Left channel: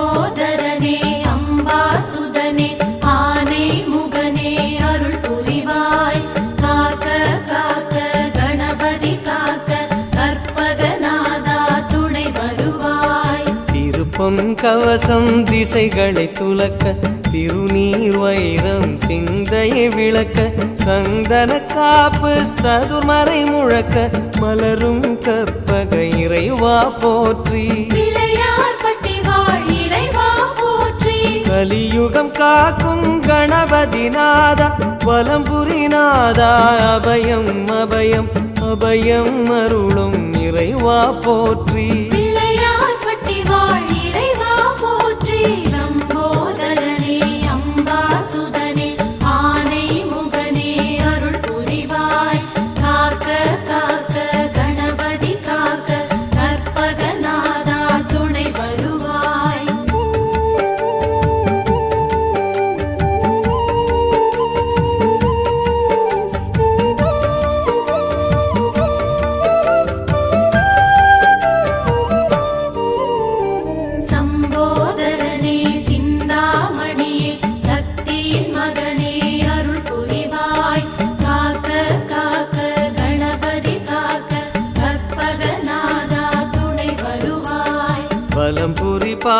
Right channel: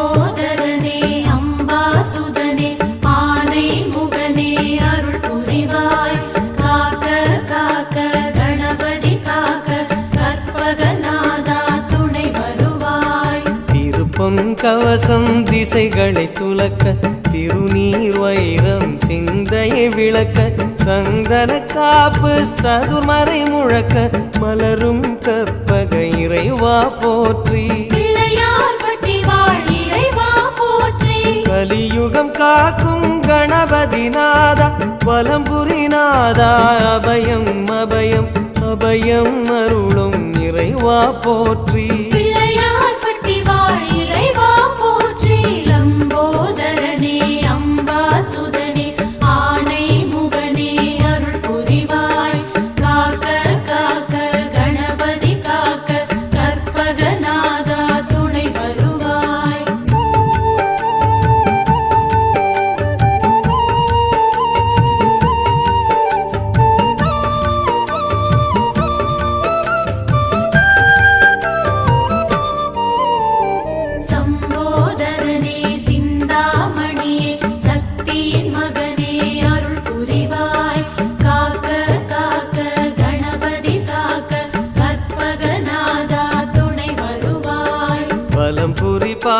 லம்போதரனே அம்பாசுதனே ஆனை முகனே அருள் புரிவாய் காக்க காக்க கணபதி காக்க கற்பகநாதா துணை வருவாய். திருப்பொன் கவசம் திசைகளை துலக்க திருநீர் வைரம் சிந்தையை விளக்க சந்தன காப்பு சதுர்மறை முழக்க மலரும் கற்பக இறைவா போற்றி. கலியுகம் காக்கும் கணபதி நாதா வலம்புரி நாதா அபயம் அபயம் அபயம் அருளும் இறைவா போற்றி. வலம்புரி பா